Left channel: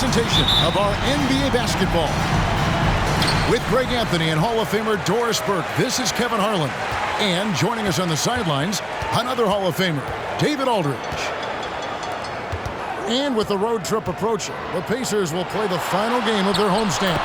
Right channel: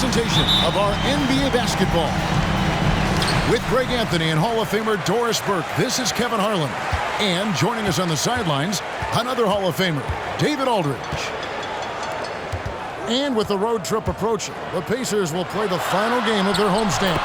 presentation of our NBA basketball. With Greg Anthony and Hall of Famer Doris Burke, this is Kevin Harlan. And joining us on the sidelines, another Hall of Famer, David Aldridge. And with the road trip approaching, the Pacers will play the final game of their homestand.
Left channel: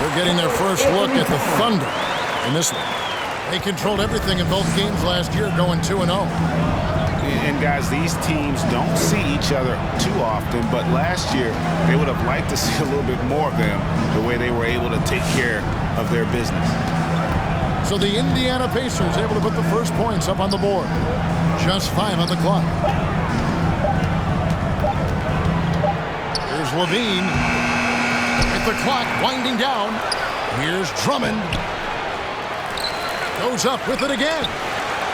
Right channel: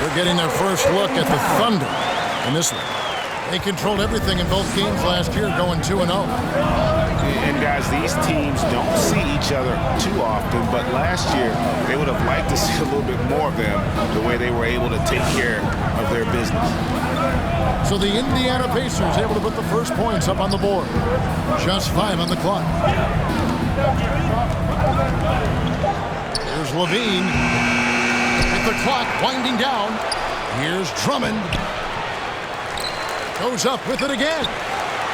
They're getting their first look at the Thunder in this one. They controlled everything in both games last year, going 2-0. And guys, these teams don't see each other too often, but last year they would have liked to see a little bit more of them, the way they were able to take care of their business. So the Indiana Pacers able to put the first points up on the board. Just 5 on the clock. Here's Levine. With the clock winding down. Here's Drummond. Goes up with it again.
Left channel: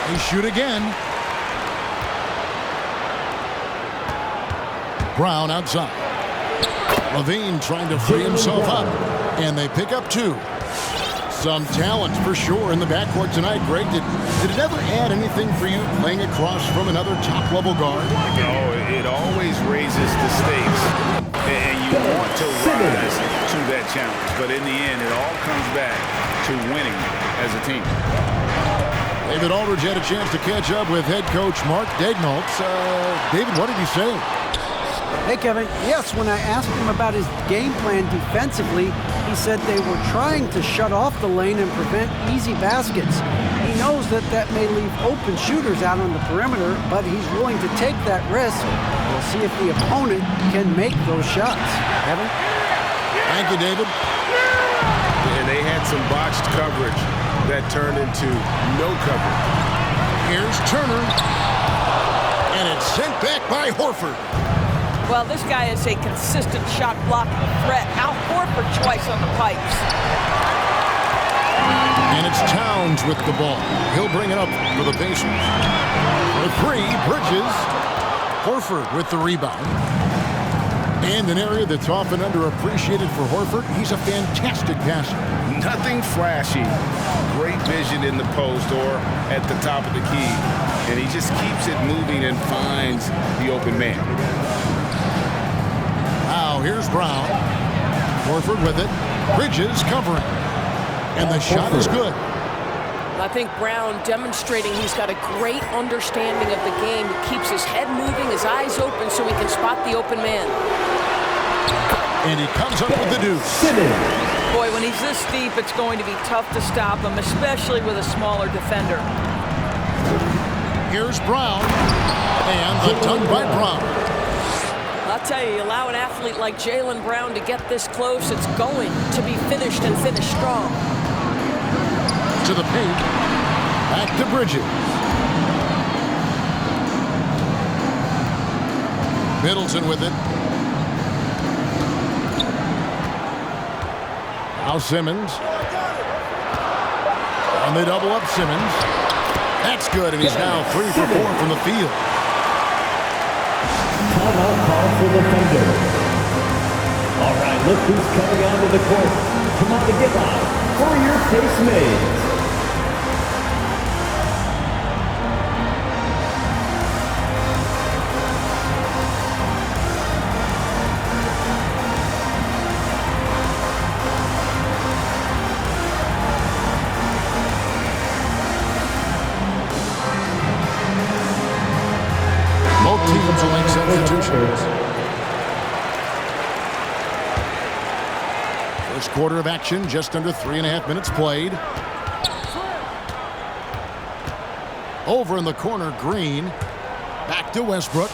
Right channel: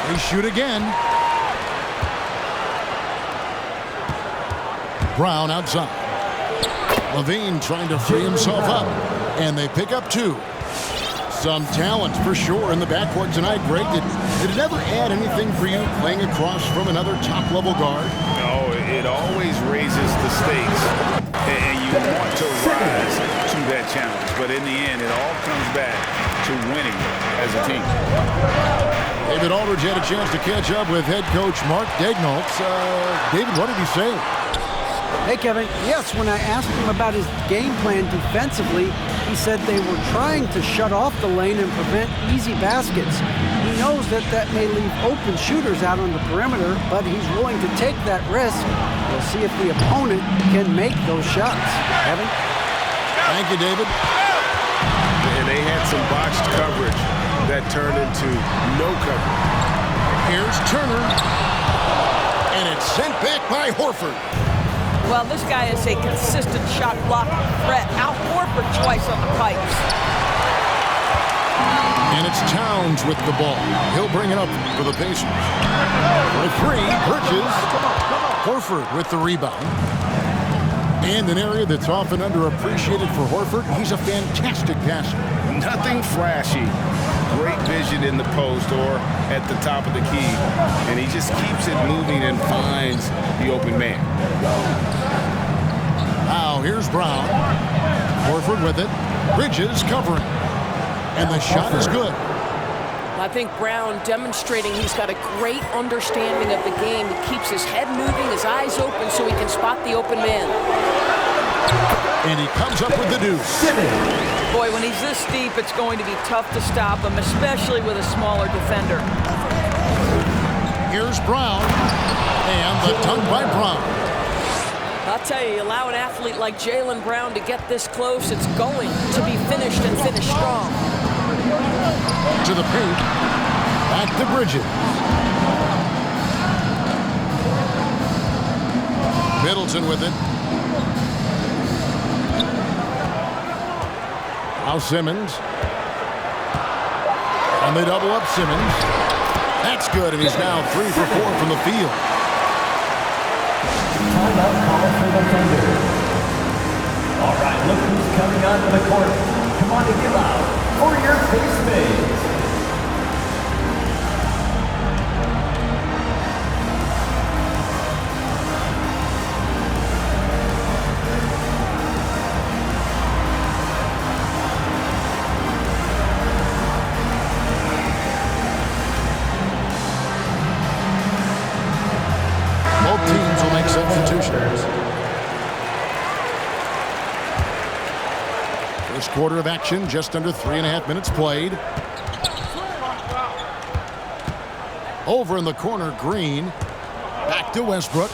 They shoot again. Brown outside. Levine trying to free himself up. And they pick up 2. Some talent for sure in the backcourt tonight. Greg, did it ever add anything for you playing across from another top-level guard? No, it always raises the stakes, and you want to rise to that challenge. But in the end, it all comes back to winning as a team. David Aldridge had a chance to catch up with head coach Mark Daignault. David, what did he say? Hey, Kevin. Yes, when I asked him about his game plan defensively, he said they were trying to shut off the lane and prevent easy baskets. He knows that may leave open shooters out on the perimeter, but he's willing to take that risk. We'll see if the opponent can make those shots. Kevin? Thank you, David. And they had some botched coverage that turned into no coverage. Here's Turner. And it's sent back by Horford. Well, this guy is a consistent shot blocking threat. Al Horford twice on the pipes. And it's Towns with the ball. He'll bring it up for the Pacers. For 3, Bridges. Horford with the rebound. And an area that's often underappreciated for Horford, he's a fantastic passer. Nothing flashy. Great vision in the post or at the top of the key. And he just keeps it moving and finds the open man. Now here's Brown. Horford with it. Bridges covering. And the shot is good. I think Brown demonstrating he's got a great understanding of the game. He keeps his head moving, his eyes open so he can spot the open man. And he comes up with the deuce. Boy, when he's this deep, it's going to be tough to stop him, especially with a smaller defender. Here's Brown. And the dunk by Brown. I'll tell you, allow an athlete like Jaylen Brown to get this close, it's going to be finished and finished strong. To the paint. Back to Bridges. Middleton with it. Now Simmons. And they double up Simmons. That's good, and he's now 3 for 4 from the field. Timeout call for the Thunder. All right, look who's coming onto the court. Come on to get loud for your face mates. Both teams will make substitutions. First quarter of action, just under 3.5 minutes played. Over in the corner, Green. Back to Westbrook.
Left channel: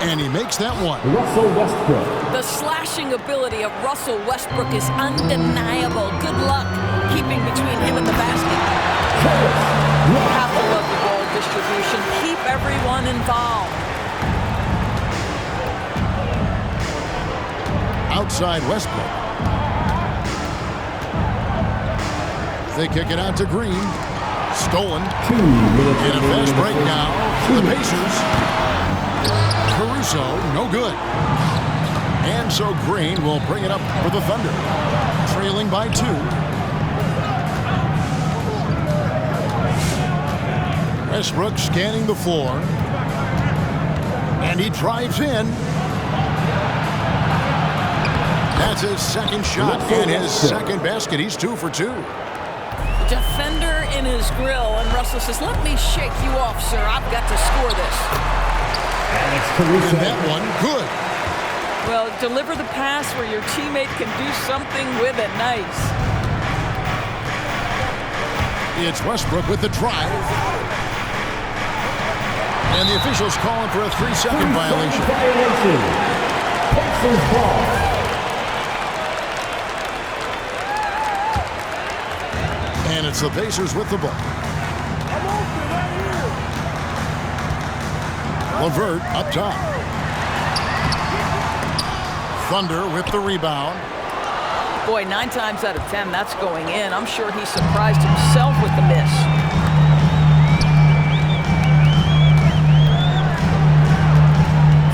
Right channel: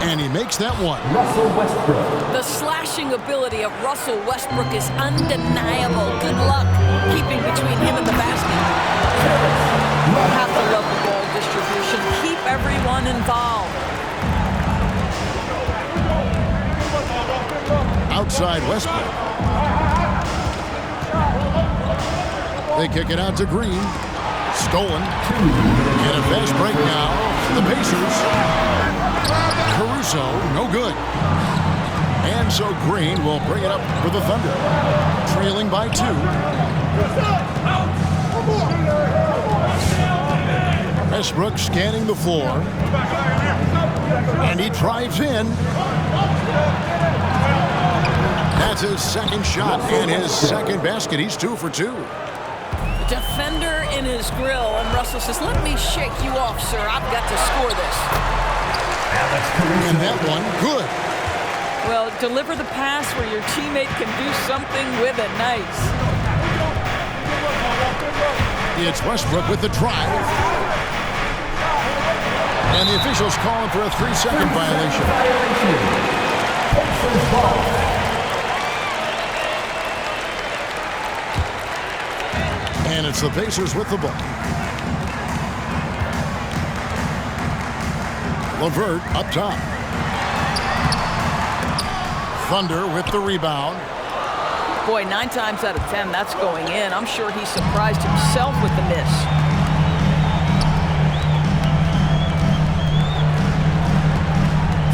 And he makes that one. Russell Westbrook. The slashing ability of Russell Westbrook is undeniable. Good luck keeping between him and the basket. You have to love the ball distribution. Keep everyone involved. Outside Westbrook. They kick it out to Green. Stolen. 2 minutes. In a fast break now for the Pacers. Caruso, no good. And so Green will bring it up for the Thunder. Trailing by 2. Westbrook scanning the floor. And he drives in. That's his second shot and his second basket. He's 2 for 2. Defender in his grill, and Russell says, let me shake you off, sir. I've got to score this. Alex Caruso. And that one, good. Well, deliver the pass where your teammate can do something with it. Nice. It's Westbrook with the drive. And the officials calling for a 3-second violation. Pacers ball. And it's the Pacers with the ball. LeVert up top. Thunder with the rebound. Boy, 9 times out of 10, that's going in. I'm sure he surprised himself with the miss.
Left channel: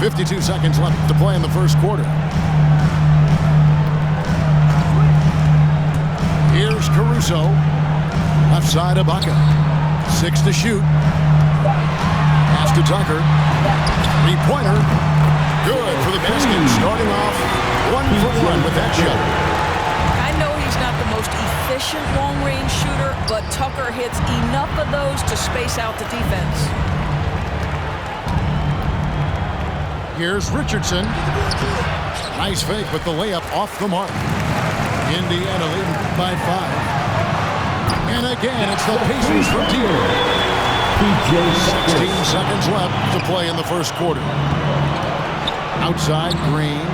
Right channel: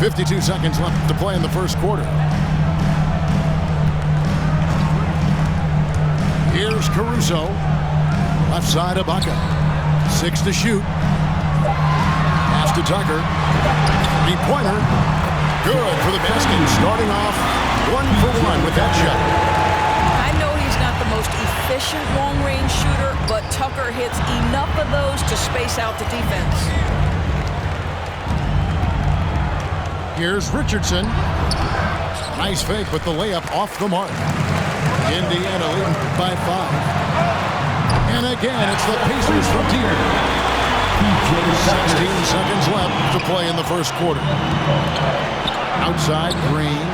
.52 seconds left to play in the first quarter. Here's Caruso. Left side of Ibaka. 6 to shoot. Pass to Tucker. 3-pointer. Good for the basket. Starting off 1 for 1 with that shot. I know he's not the most efficient long-range shooter, but Tucker hits enough of those to space out the defense. Here's Richardson. Nice fake, but the layup off the mark. Indiana leading by 5. And again, it's the Pacers from deep. 16 seconds left to play in the first quarter. Outside, Green.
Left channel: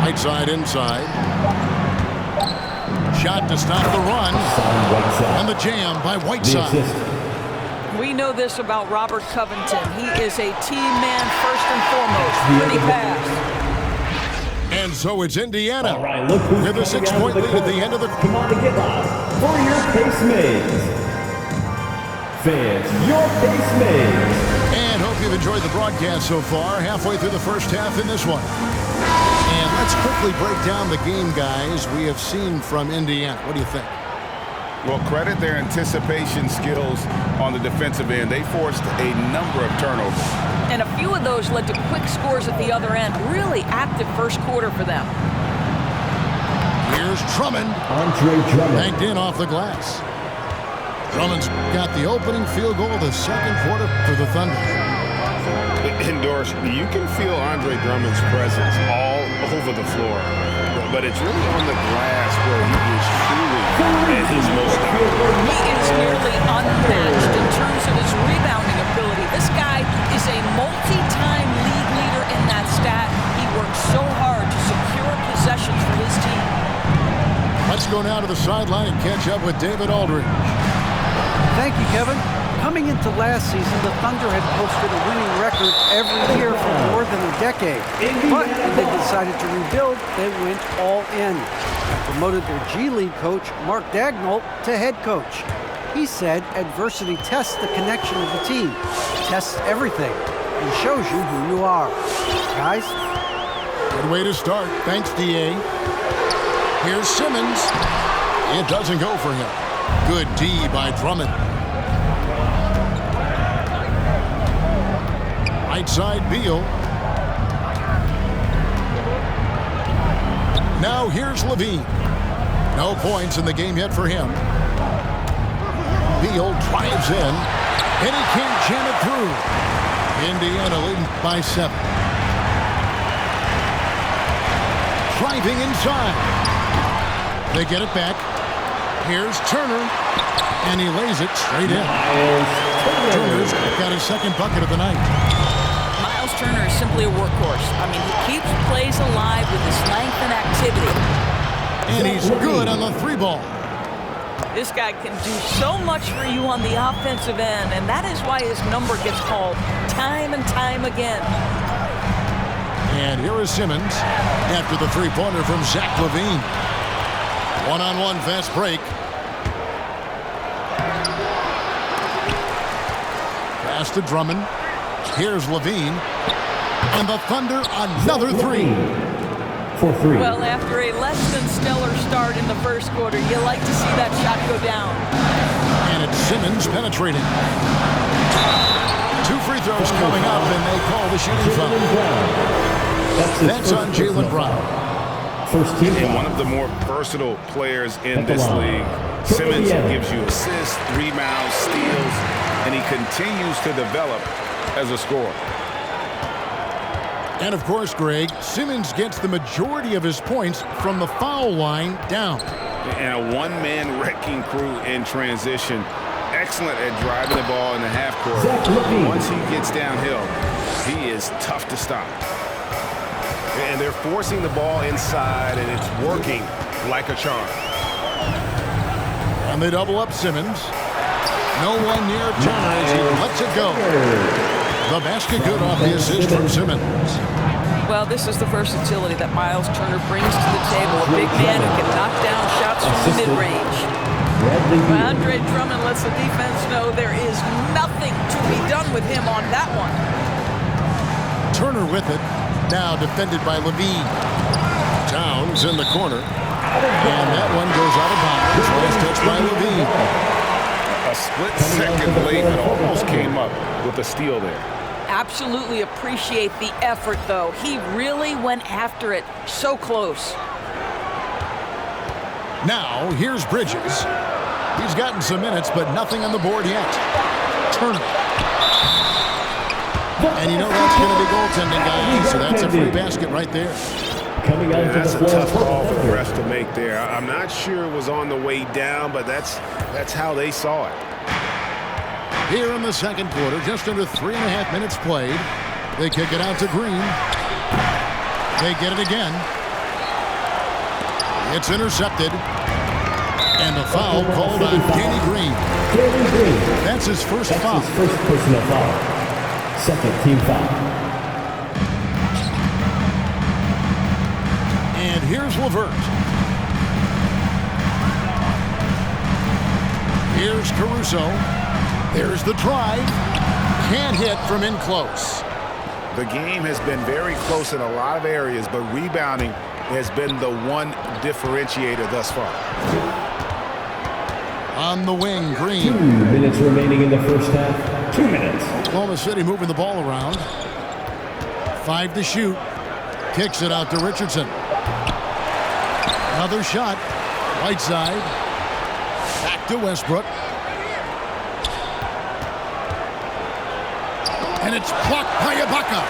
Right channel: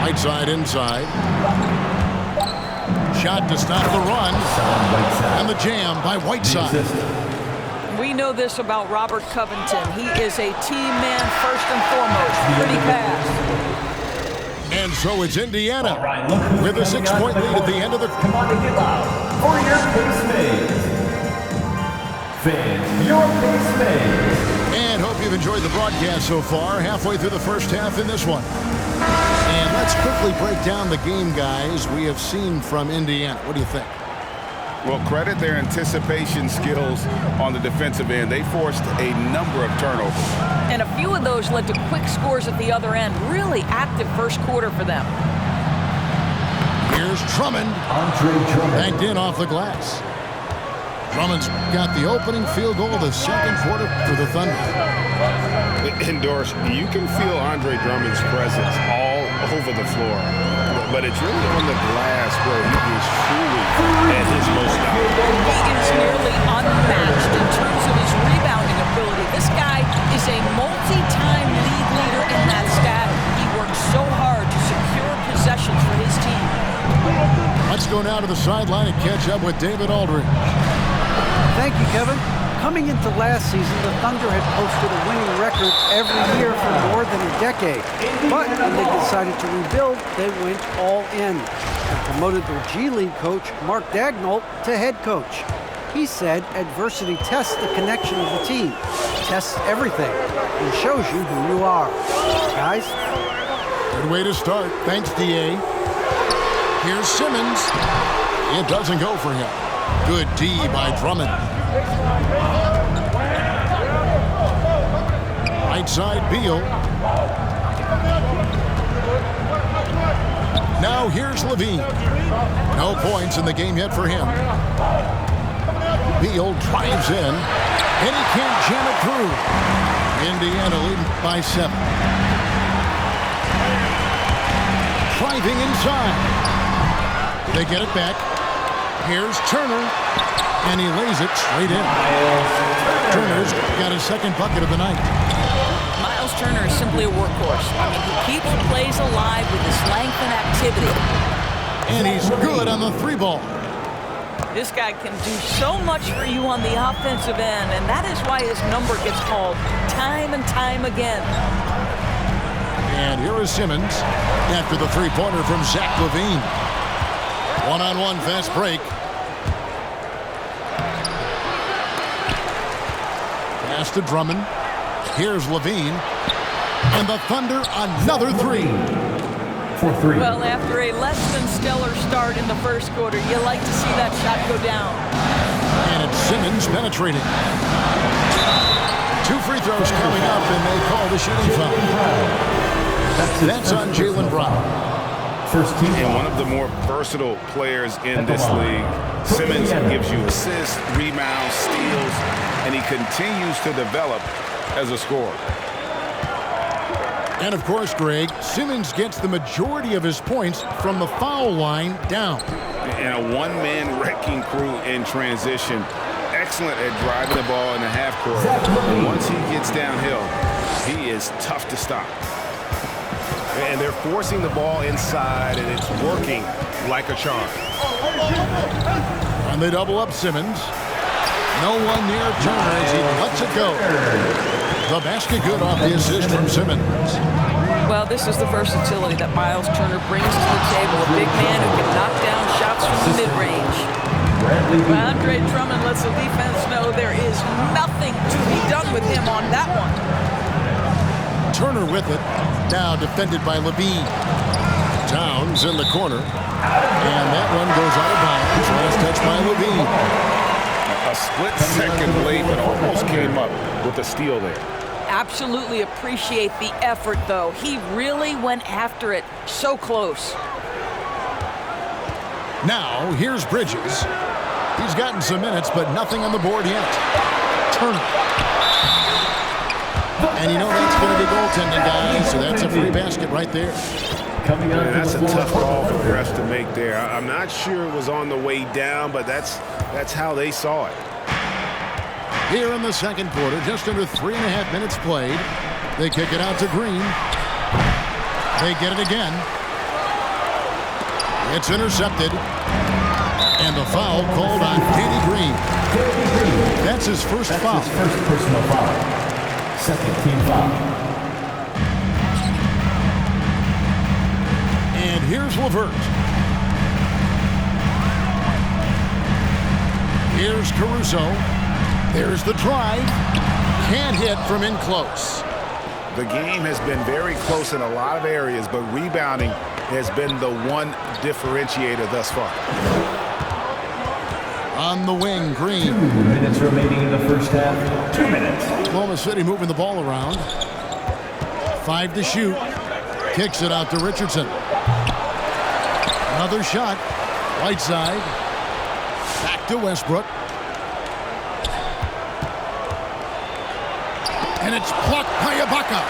Right side, inside. Shot to stop the run. And the jam by Whiteside. We know this about Robert Covington. He is a team man first and foremost. Pretty pass. And so it's Indiana Right, with a 6-point lead at the end of the... Come on and get loud for your Pace Mates. Fans, your Pace Mates. And hope you've enjoyed the broadcast so far. Halfway through the first half in this one. And let's quickly break down the game, guys, we have seen from Indiana. What do you think? Well, credit their anticipation skills on the defensive end. They forced a number of turnovers. And a few of those led to quick scores at the other end. Really active first quarter for them. Here's Drummond. Andre Drummond. Banked in off the glass. Drummond's got the opening field goal of the second quarter for the Thunder. And Doris, you can feel Andre Drummond's presence all over the floor. But it's really on the glass where he is truly at his most dominant. He is nearly unmatched in terms of his rebounding ability. This guy is a multi-time league leader in that stat. He works so hard to secure possessions for his team. Let's go now to the sideline and catch up with David Aldridge. Thank you, Kevin. Coming into last season, the Thunder had posted a winning record every year for more than a decade. But when they decided to rebuild, they went all in and promoted their G League coach, Mark Daigneault, to head coach. He said adversity tests the connection of the team, tests everything, and shows you who you are. Guys? Good way to start. Thanks, D.A. Here's Simmons. It doesn't go for him. Good D by Drummond. Right side, Beal. Now here's Levine. No points in the game yet for him. Beal drives in, and he can't jam it through. Indiana leading by 7. Driving inside. They get it back. Here's Turner. And he lays it straight in. Turner's got his second bucket of the night. Miles Turner is simply a workhorse. I mean, he keeps plays alive with his length and activity. And he's good on the three ball. This guy can do so much for you on the offensive end, and that is why his number gets called time and time again. And here is Simmons after the three-pointer from Zach LaVine. One-on-one fast break. Pass to Drummond. Here's LaVine. And the Thunder, another three. For three. Well, after a less than stellar start in the first quarter, you like to see that shot go down. And it's Simmons penetrating. Two free throws coming up, and they call the shooting foul. That's on Jaylen Brown. First team. And one of the more versatile players in this league. Simmons gives you assists, rebounds, steals, and he continues to develop as a scorer. And of course, Greg, Simmons gets the majority of his points from the foul line down. And a one-man wrecking crew in transition. Excellent at driving the ball in the half court. Once he gets downhill, he is tough to stop. And they're forcing the ball inside, and it's working like a charm. And they double up Simmons. No one near Turner as he lets it go. The basket good off the assist from Simmons. Well, this is the versatility that Miles Turner brings to the table. A big man who can knock down shots from the mid-range. Andre Drummond lets the defense know there is nothing to be done with him on that one. Turner with it. Now defended by LaVine. Towns in the corner. And that one goes out of bounds. Last touch by LaVine. A split second late, but almost came up with a steal there. Absolutely appreciate the effort, though. He really went after it. So close. Now, here's Bridges. He's gotten some minutes, but nothing on the board yet. Turner. And you know that's going to be goaltending, guys, so that's a free basket right there. That's a tough call for the refs to make there. I'm not sure it was on the way down, but that's how they saw it. Here in the second quarter, just under 3.5 minutes played. They kick it out to Green. They get it again. It's intercepted. And a foul called on Danny Green. That's his first foul. His first personal foul. Second team foul. And here's LeVert. Here's Caruso. There's the drive. Can't hit from in close. The game has been very close in a lot of areas, but rebounding has been the one differentiator thus far. On the wing, Green. 2 minutes remaining in the first half. 2 minutes. Oklahoma City moving the ball around. 5 to shoot. Kicks it out to Richardson. Another shot. Whiteside. Back to Westbrook. And it's blocked by Ibaka.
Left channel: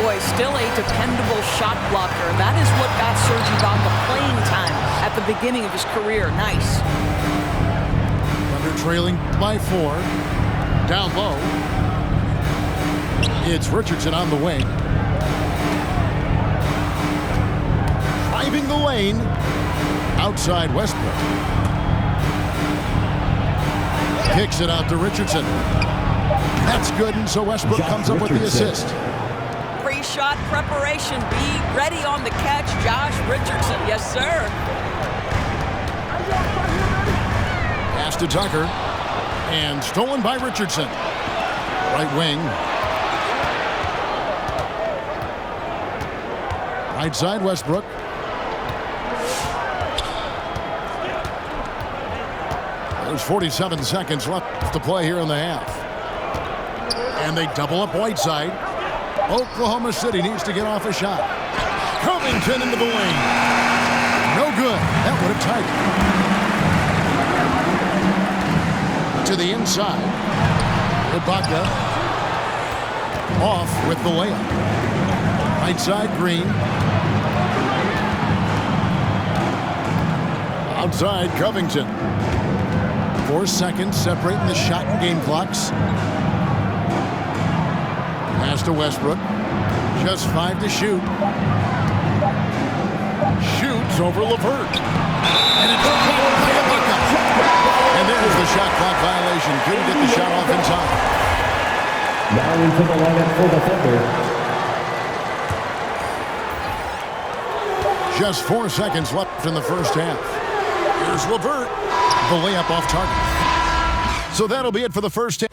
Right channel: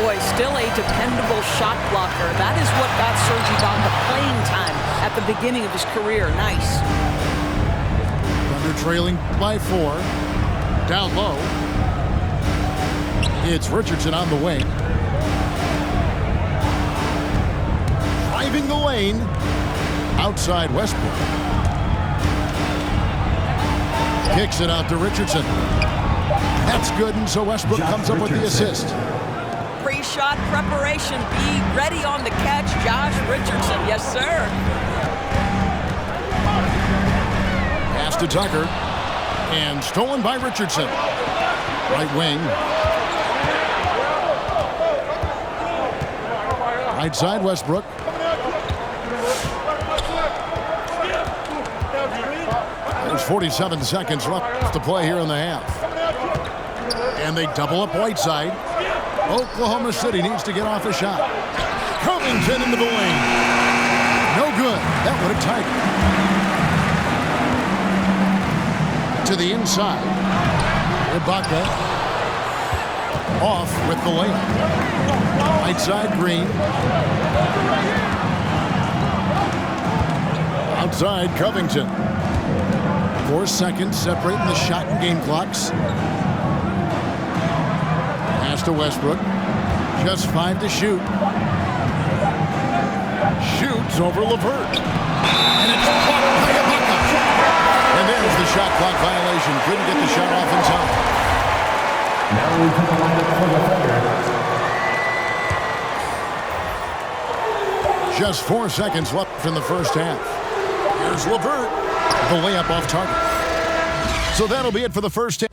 Boy, still a dependable shot blocker. That is what got Serge Ibaka playing time at the beginning of his career. Nice. Thunder trailing by 4. Down low. It's Richardson on the wing. Driving the lane. Outside Westbrook. Kicks it out to Richardson. That's good, and so Westbrook comes up with the assist. Pre-shot preparation. Be ready on the catch, Josh Richardson. Yes, sir. Pass to Tucker. And stolen by Richardson. Right wing. Right side, Westbrook. There's 47 seconds left to play here in the half. And they double up Whiteside. Oklahoma City needs to get off a shot. Covington into the lane. No good. That would have tied it. To the inside. Ibaka. Off with the layup. Whiteside, Green. Outside, Covington. 4 seconds separating the shot and game clocks. Pass to Westbrook. Just 5 to shoot. Shoots over LeVert. And it's blocked by Ibaka. And there's the shot clock violation. Couldn't get the shot off in time. Now into the lineup for the Thunder. Just 4 seconds left in the first half. Here's LeVert. The layup off target. So that'll be it for the first half.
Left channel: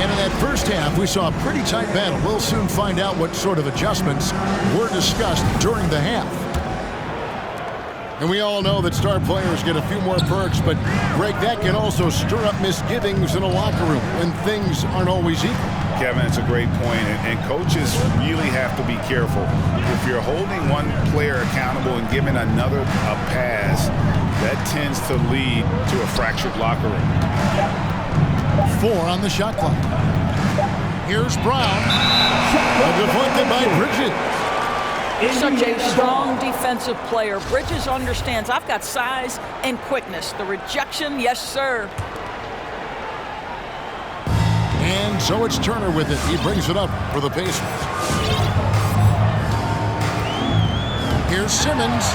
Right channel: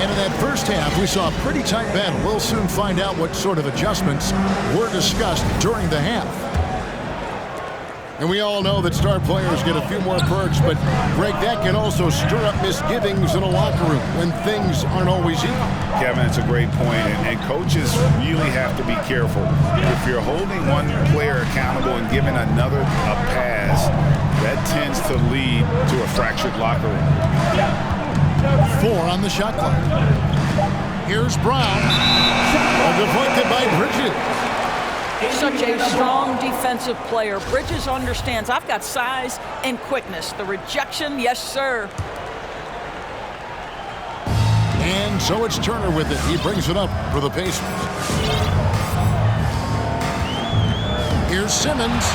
And in that first half, we saw a pretty tight battle. We'll soon find out what sort of adjustments were discussed during the half. And we all know that star players get a few more perks, but Greg, that can also stir up misgivings in a locker room when things aren't always equal. Kevin, it's a great point, and coaches really have to be careful. If you're holding one player accountable and giving another a pass, that tends to lead to a fractured locker room. 4 on the shot clock. Here's Brown. Deflected by Bridges. Such a strong defensive player. Bridges understands I've got size and quickness. The rejection, yes, sir. And so it's Turner with it. He brings it up for the Pacers. Here's Simmons.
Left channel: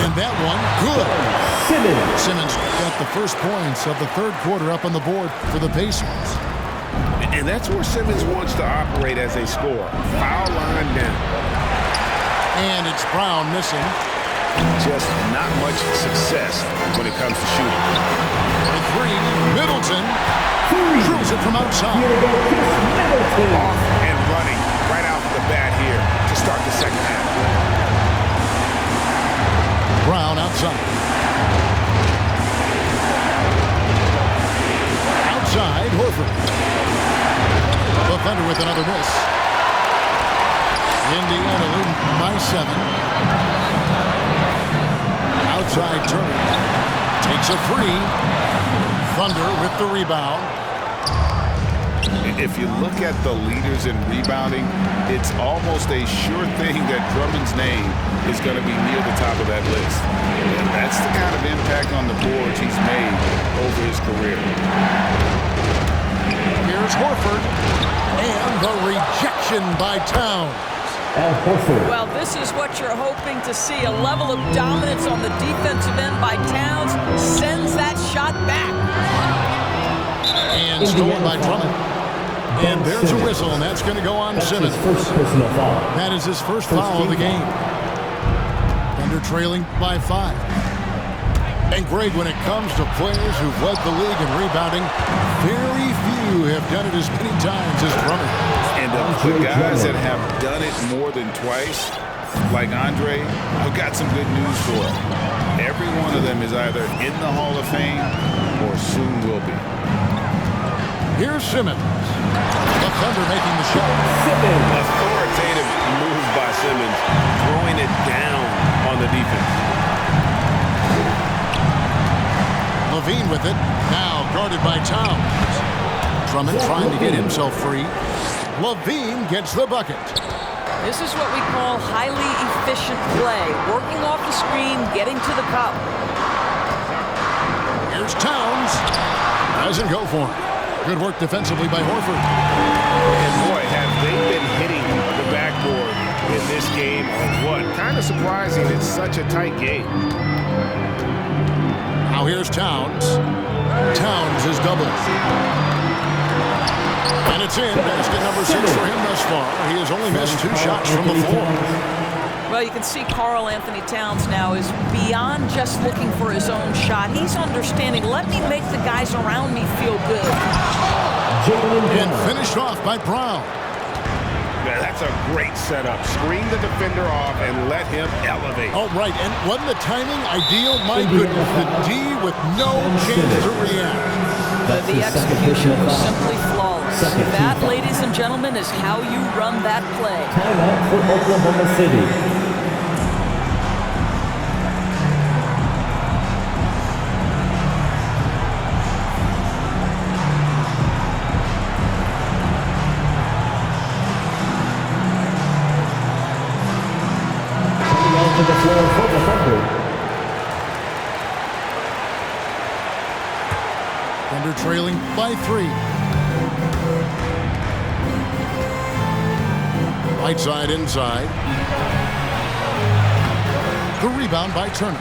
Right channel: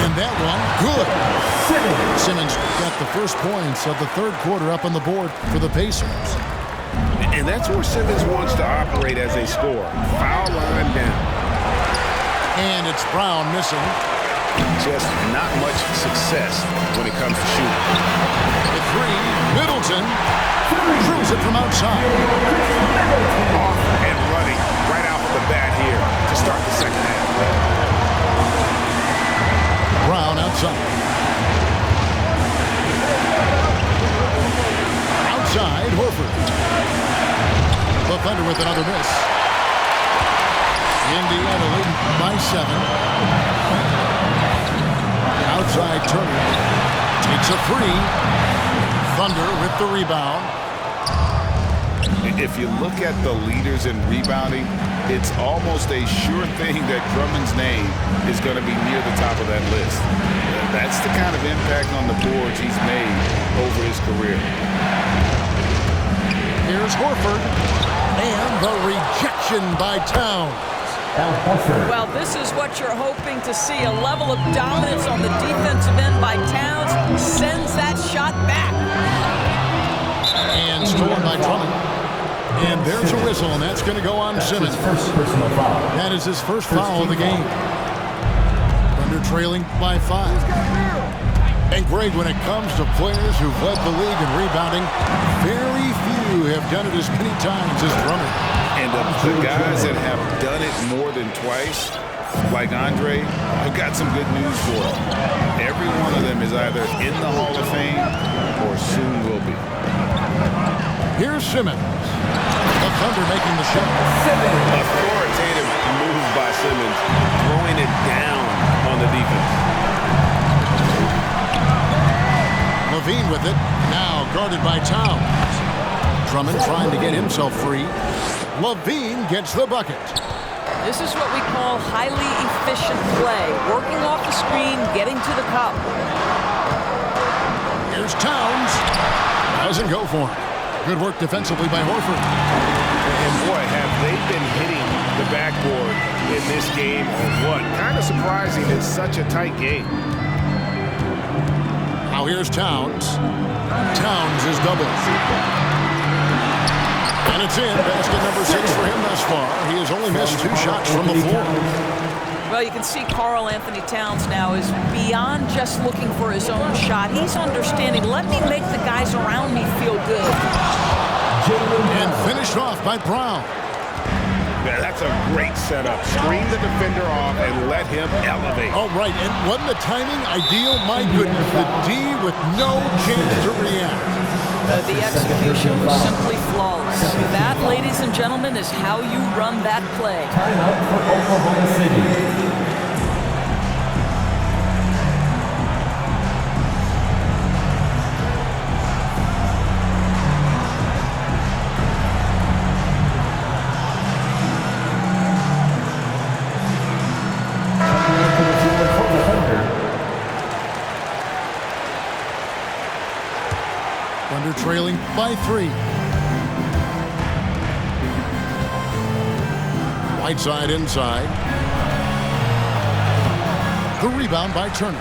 And that one, good. Simmons got the first points of the third quarter up on the board for the Pacers. And that's where Simmons wants to operate as a scorer. Foul line down. And it's Brown missing. Just not much success when it comes to shooting. For 3, Middleton drills it from outside. Off and running right out the bat here to start the second half. Brown outside. Outside, Horford. The Thunder with another miss. Indiana leading by 7. Outside, Turner takes a 3. Thunder with the rebound. If you look at the leaders in rebounding, it's almost a sure thing that Drummond's name is going to be near the top of that list. That's the kind of impact on the boards he's made over his career. Here's Horford. And the rejection by Towns. Well, this is what you're hoping to see. A level of dominance on the defensive end by Towns sends that shot back. And stolen by Drummond. And there's a whistle, and that's going to go on Simmons. First personal foul. That is his first foul of the game. Thunder trailing by 5. And Greg, when it comes to players who've led the league in rebounding, very few have done it as many times as Drummond. And the guys that have done it more than twice, like Andre, I've got some good news for them. Every one of them is either in the Hall of Fame or soon will be. Here's Simmons. The Thunder making the shot. Authoritative move by Simmons, throwing it down on the defense. Levine with it, now guarded by Towns. Drummond trying to get himself free. Levine gets the bucket. This is what we call highly efficient play. Working off the screen, getting to the cup. Here's Towns. Doesn't go for him. Good work defensively by Horford. And boy, have they been hitting the backboard in this game or what? Kind of surprising. It's such a tight game. Now here's Towns. Towns is doubled. And it's in. Basket number 6 for him thus far. He has only missed 2 shots from the floor. Well, you can see Karl Anthony Towns now is beyond just looking for his own shot. He's understanding, let me make the guys around me feel good. And finished off by Brown. Yeah, that's a great setup. Screen the defender off and let him elevate. Oh, right. And wasn't the timing ideal? My goodness, the D with no chance to react. The execution was simply flawless. That, ladies and gentlemen, is how you run that play. Timeout for Oklahoma City. Coming onto the floor for the Thunder. Thunder trailing by 3. Whiteside inside. The rebound by Turner.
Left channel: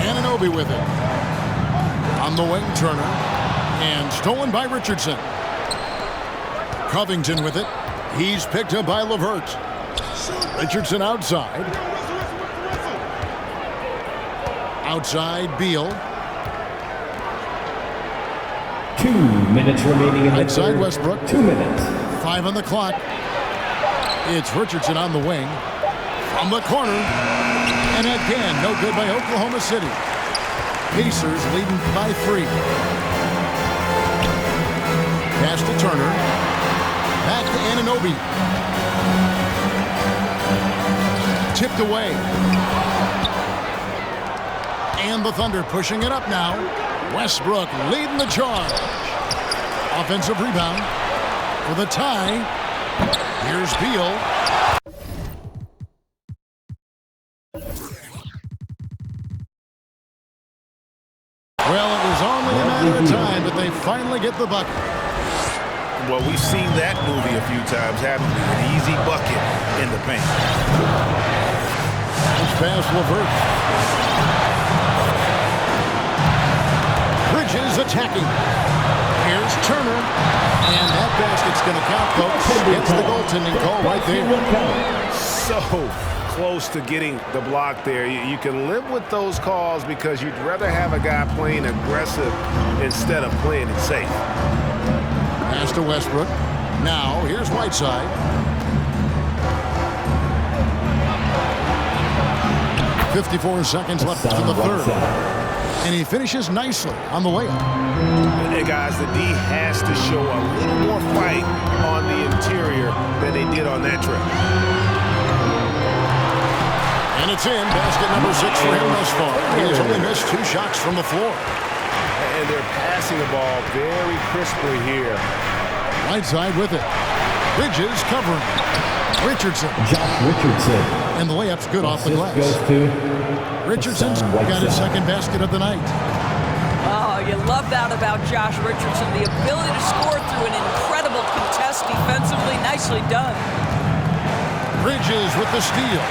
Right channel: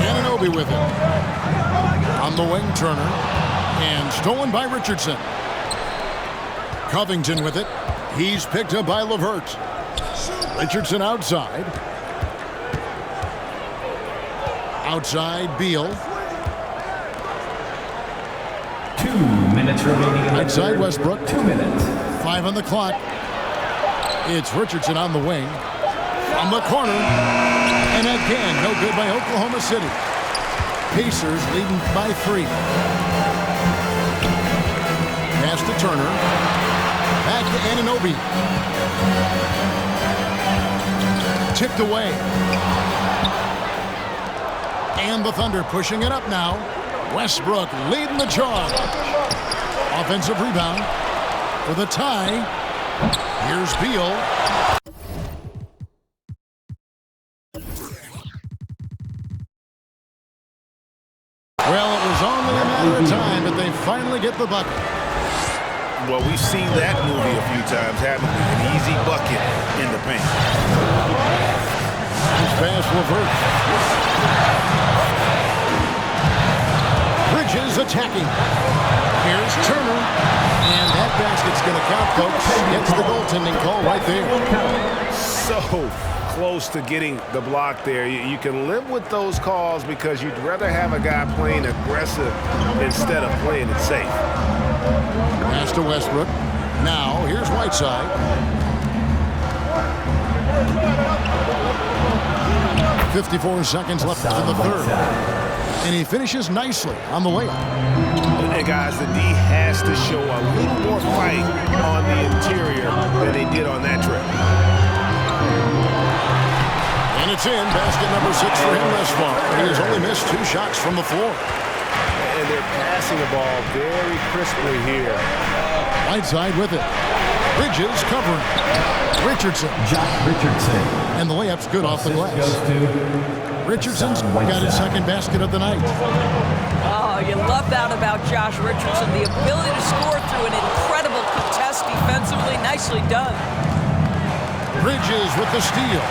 Anunoby with it. On the wing, Turner. And stolen by Richardson. Covington with it. He's picked up by LeVert. Richardson outside. Outside, Beal. 2 minutes remaining in the Outside third. Westbrook. 2 minutes. 5 on the clock. It's Richardson on the wing. From the corner. And again, no good by Oklahoma City. Pacers leading by 3. Pass to Turner. Back to Anunoby. Tipped away. And the Thunder pushing it up now. Westbrook leading the charge. Offensive rebound for the tie. Here's Beal. Well, it was only a matter of time, but they finally get the bucket. Well, we've seen that movie a few times, haven't we? An easy bucket in the paint. It's past LeVert. Bridges attacking. Here's Turner. And that basket's going to count, folks. Gets the goaltending call right there. So close to getting the block there. You can live with those calls because you'd rather have a guy playing aggressive instead of playing it safe. Pass to Westbrook. Now, here's Whiteside. .54 seconds left in the third. And he finishes nicely on the layup. And guys, the D has to show a little more fight on the interior than they did on that trip. And it's in. Basket number 6 for him thus far. He has only missed 2 shots from the floor. And they're passing the ball very crisply here. Whiteside with it. Bridges covering. Richardson. Josh Richardson. And the layup's good off the glass. Goes to Richardson's got his second basket of the night. Oh, you love that about Josh Richardson. The ability to score through an incredible contest defensively. Nicely done. Bridges with the steal.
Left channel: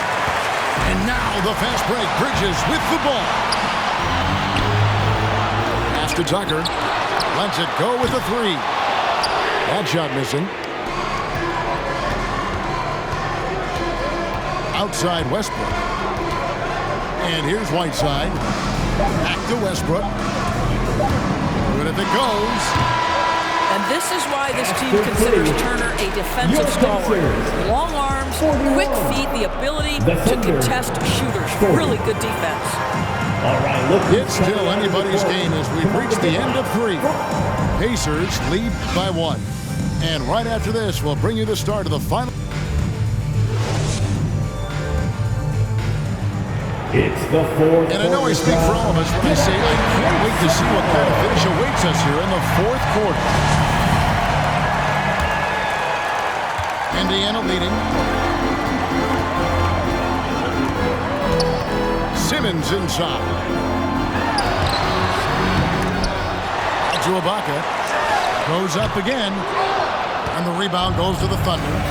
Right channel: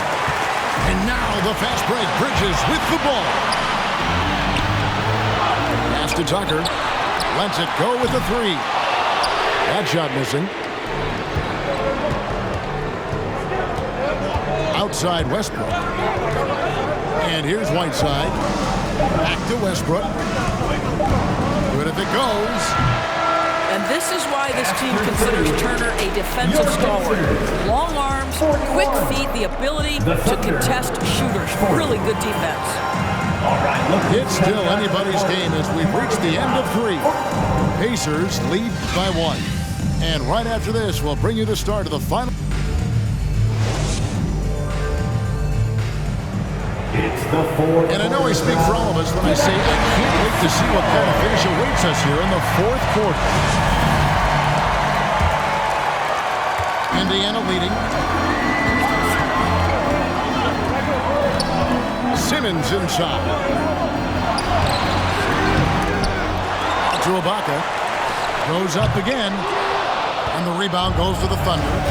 And now the fast break. Bridges with the ball. Pass to Tucker. Lets it go with the 3. That shot missing. Outside Westbrook. And here's Whiteside. Back to Westbrook. Good if it goes. And this is why this team considers Turner a defensive stalwart. Long arms, quick feet, the ability to contest shooters. Really good defense. All right, look. It's still anybody's game as we've reached the end of 3. Pacers lead by 1. And right after this, we'll bring you the start of the final. It's the fourth. And I know I speak for all of us when I say I can't wait to see what kind of finish awaits us here in the 4th quarter. Indiana leading. Simmons inside. Out to Ibaka. Goes up again. And the rebound goes to the Thunder.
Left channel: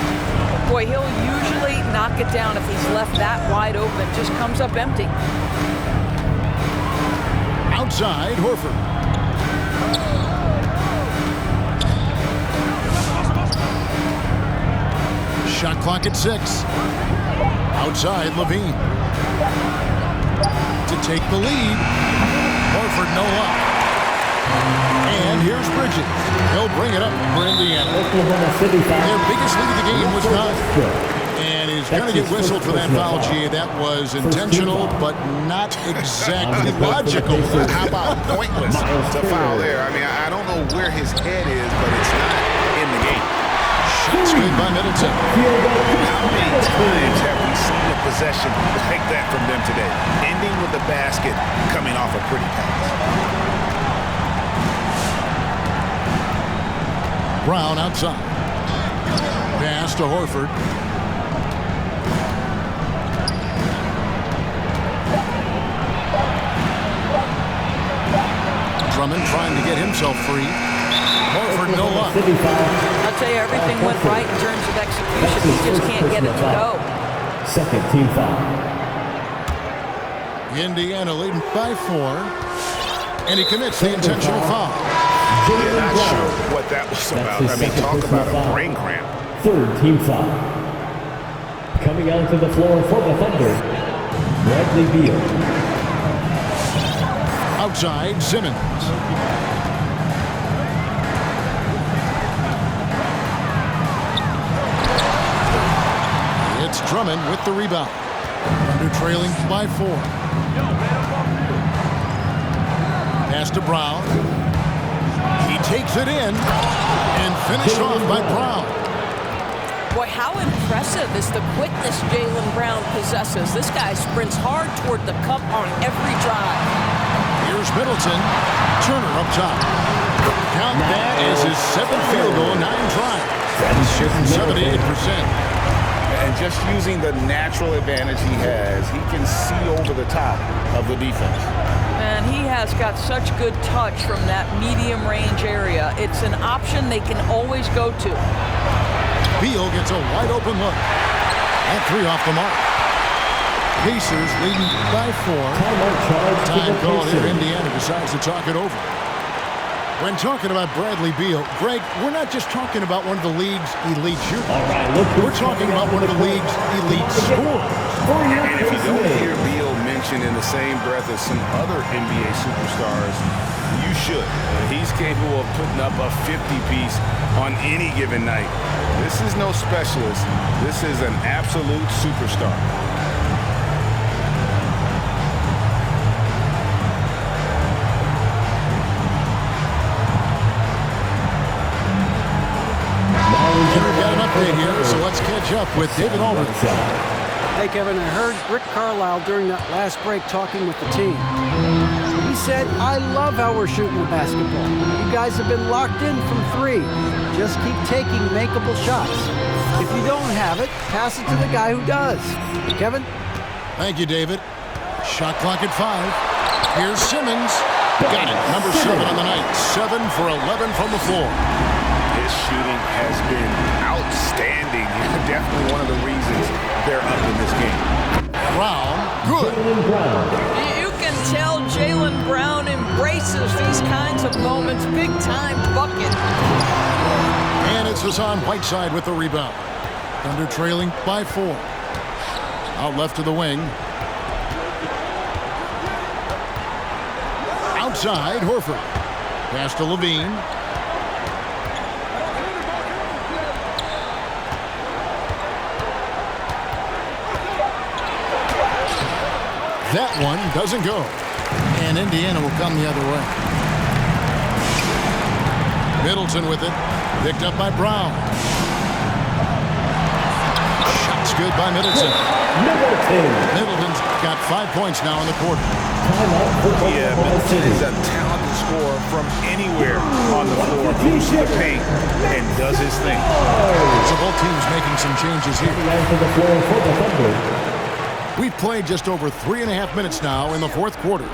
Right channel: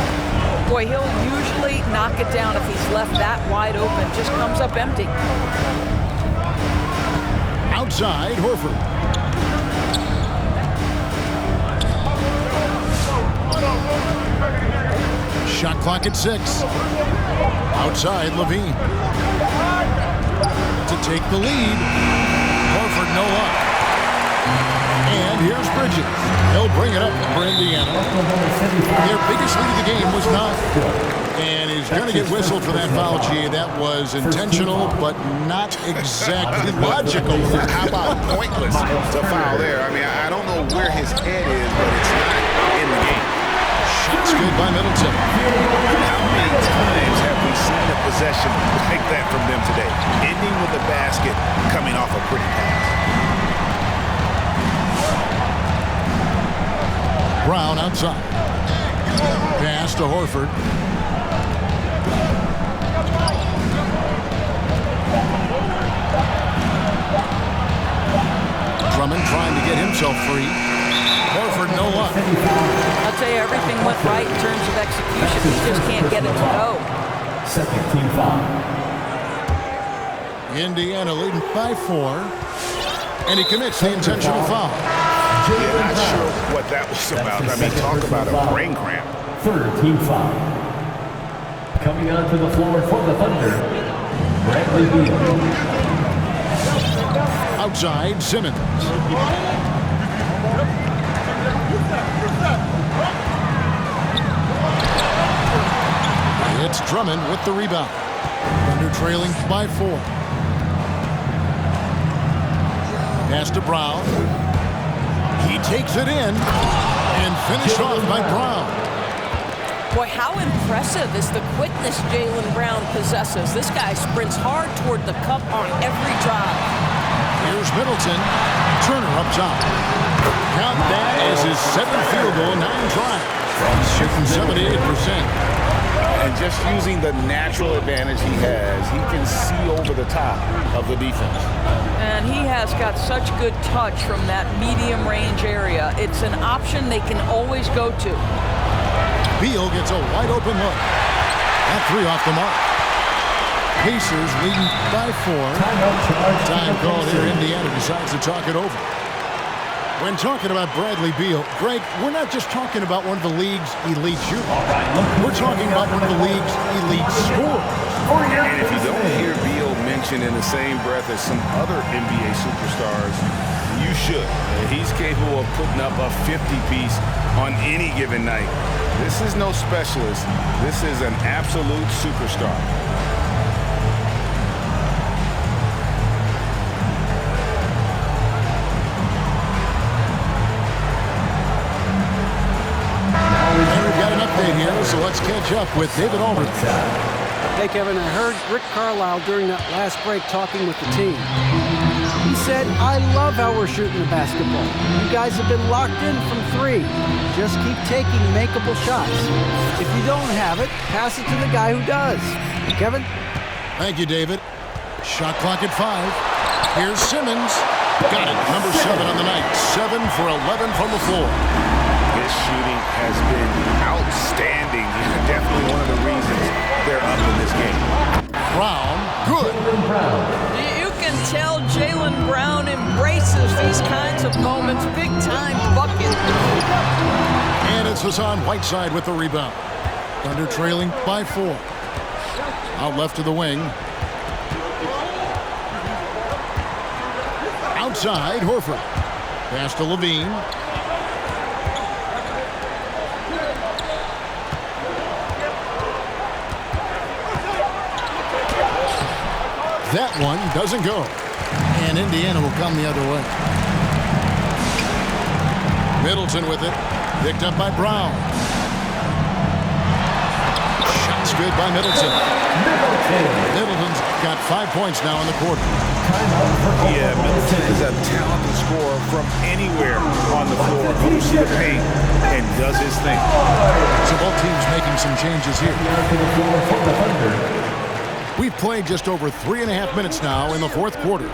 Boy, he'll usually knock it down if he's left that wide open. Just comes up empty. Outside, Horford. Shot clock at 6. Outside, Levine. To take the lead. Horford no luck. And here's Bridges. He'll bring it up for Indiana. Their biggest lead of the game was 9. And he's going to get whistled for that foul, G. That was intentional, but not exactly logical. How about pointless to foul there? I mean, I don't know where his head is, but it's not in the game. Shots good by Middleton. How many times have we seen a possession like that from them today? Ending with the basket, coming off a pretty pass. Brown outside. Pass to Horford. Drummond trying to get himself free. Horford, no luck. I'll tell you, everything went right in terms of execution. He just can't get it to go. Second team foul. Indiana leading by 4. And he commits the intentional foul. Yeah, not sure what that was about. I mean, talk about a brain cramp. Third team foul. Coming onto the floor for the Thunder, Bradley Beal. Outside, Simmons. It's Drummond with the rebound. Thunder trailing by 4. Pass to Brown. He takes it in and finished off by Brown. Boy, how impressive is the quickness Jaylen Brown possesses. This guy sprints hard toward the cup on every drive. Here's Middleton. Turner up top. Count that as his 7th field goal in 9 tries. He's shooting 78%. And just using the natural advantage he has, he can see over the top of the defense. And he has got such good touch from that medium range area. It's an option they can always go to. Beal gets a wide open look. That 3 off the mark. Pacers leading by 4. Timeout charge. Time called here. Indiana decides to talk it over. When talking about Bradley Beal, Greg, we're not just talking about one of the league's elite shooters. All right, look, we're talking about one of the league's elite scorers. And if you don't hear Beal mentioned in the same breath as some other NBA superstars, you should. He's capable of putting up a 50-piece on any given night. This is no specialist. This is an absolute superstar. And we've got an update here, so let's catch up with David Aldridge. Hey, Kevin, I heard Rick Carlisle during that last break talking with the team. He said, I love how we're shooting the basketball. You guys have been locked in from 3. Just keep taking makeable shots. If you don't have it, pass it to the guy who does. Kevin? Thank you, David. Shot clock at 5. Here's Simmons. Got it. Number 7 on the night. 7 for 11 from the floor. His shooting has been outstanding. Definitely one of the reasons they're up in this game. Brown, good. You can tell Jaylen Brown embraces these kinds of moments. Big time bucket. And it's Hassan Whiteside with the rebound. Thunder trailing by 4. Out left to the wing. Outside, Horford. Pass to Levine. That one doesn't go. And Indiana will come the other way. Middleton with it. Picked up by Brown. Shots good by Middleton. Middleton's got 5 points now in the quarter. Yeah, Middleton is a talented scorer from anywhere on the floor. Goes to the paint and does his thing. So both teams making some changes here. To the floor for the Thunder. We've played just over 3.5 minutes now in the 4th quarter.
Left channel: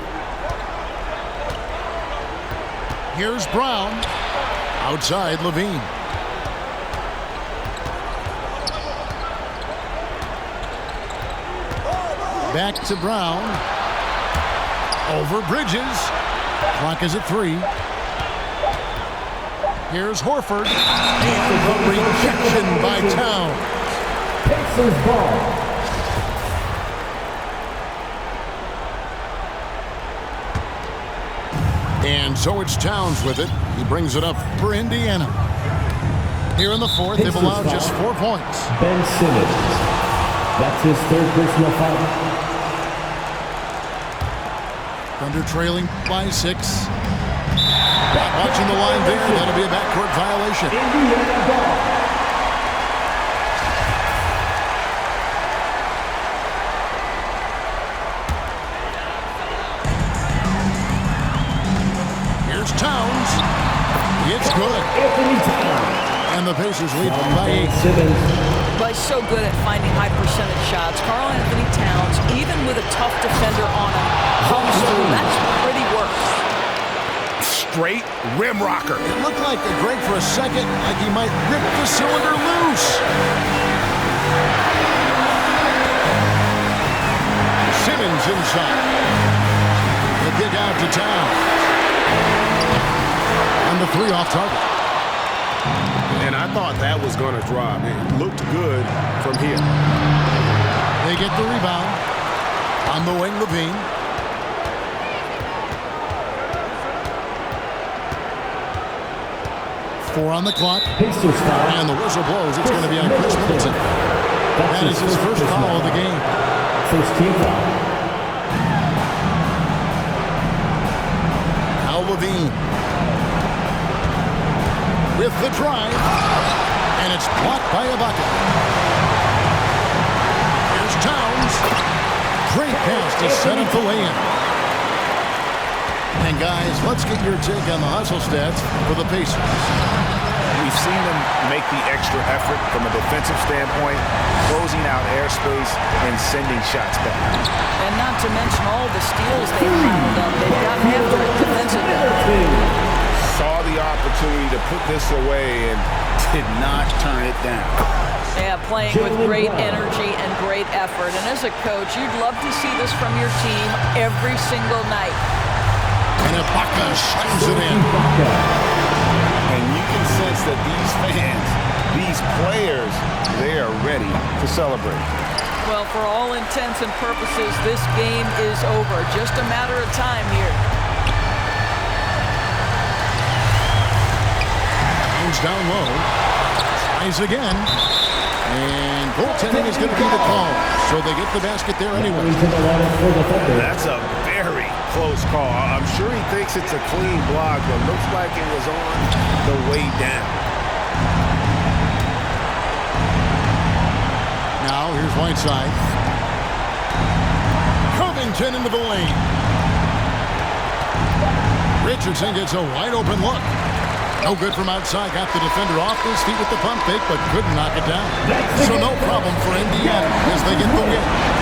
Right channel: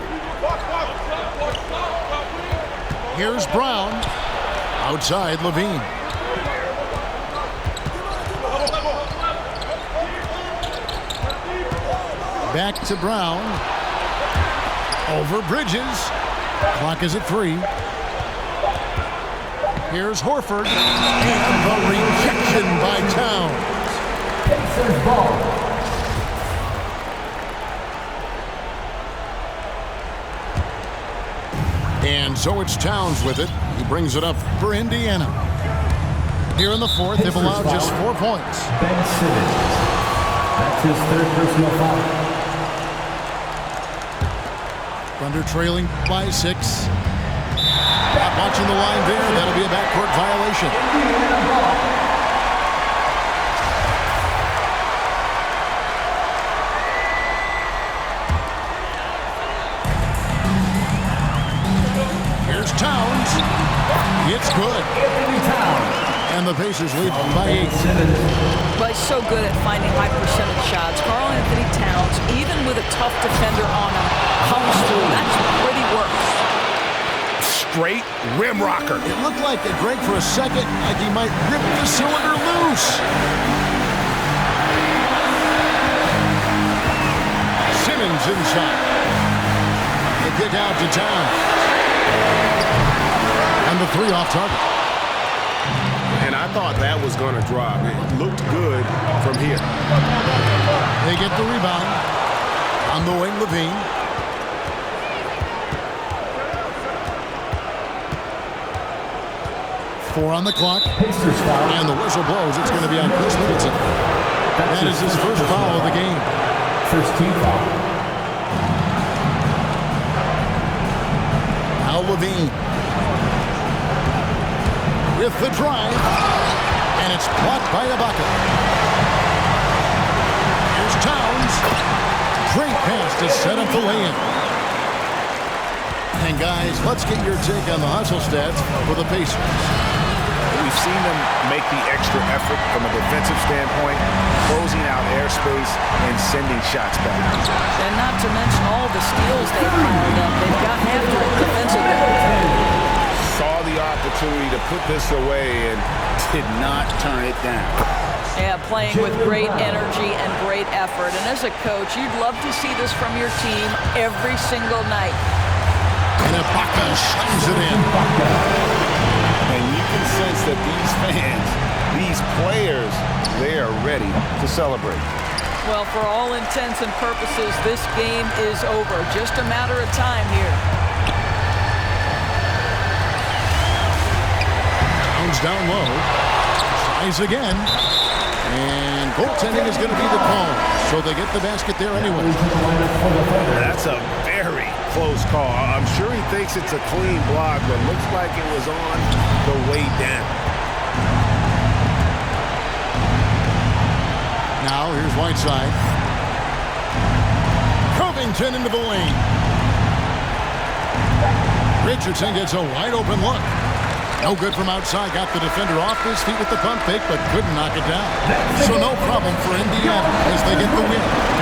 Here's Brown. Outside, Levine. Back to Brown. Over Bridges. Clock is at 3. Here's Horford. And the rejection by Towns. Pacers ball. And so it's Towns with it. He brings it up for Indiana. Here in the 4th, they've allowed just 4 points. Ben Simmons. That's his 3rd personal foul. Thunder trailing by 6. Not watching the line there. That'll be a backcourt violation. Indiana ball. Here's Towns. It's good. Anthony Towns. And the Pacers lead by 8. Simmons. But he's so good at finding high percentage shots. Karl Anthony Towns, even with a tough defender on him, comes through. That's pretty work. straight rim rocker. It looked like Greg for a second, like he might rip the cylinder loose. Simmons inside. The kick out to Towns. And the three off target. And I thought that was going to drop. It looked good from here. They get the rebound. On the wing, Levine. Four on the clock. Pacers foul. And the whistle blows. It's going to be on Chris Middleton. That is his first foul of the game. First team foul. Now Levine. With the drive. And it's blocked by Ibaka. Here's Towns. Great pass to set up the lay-in. And guys, let's get your take on the hustle stats for the Pacers. We've seen them make the extra effort from a defensive standpoint, closing out airspace and sending shots back. And not to mention all the steals they've piled up. They've gotten after it defensively. Saw the opportunity to put this away and did not turn it down. Yeah, playing with great energy and great effort. And as a coach, you'd love to see this from your team every single night. And Ibaka slams it in. And you can sense that these fans, these players, they are ready to celebrate. Well, for all intents and purposes, this game is over. Just a matter of time here. Towns down low. Tries again. And goaltending is going to be the call. So they get the basket there anyway. That's a very close call. I'm sure he thinks it's a clean block, but looks like it was on the way down. Now here's Whiteside. Covington into the lane. Richardson gets a wide open look. No good from outside. Got the defender off his feet with the pump fake, but couldn't knock it down. So no problem for Indiana as they get the win.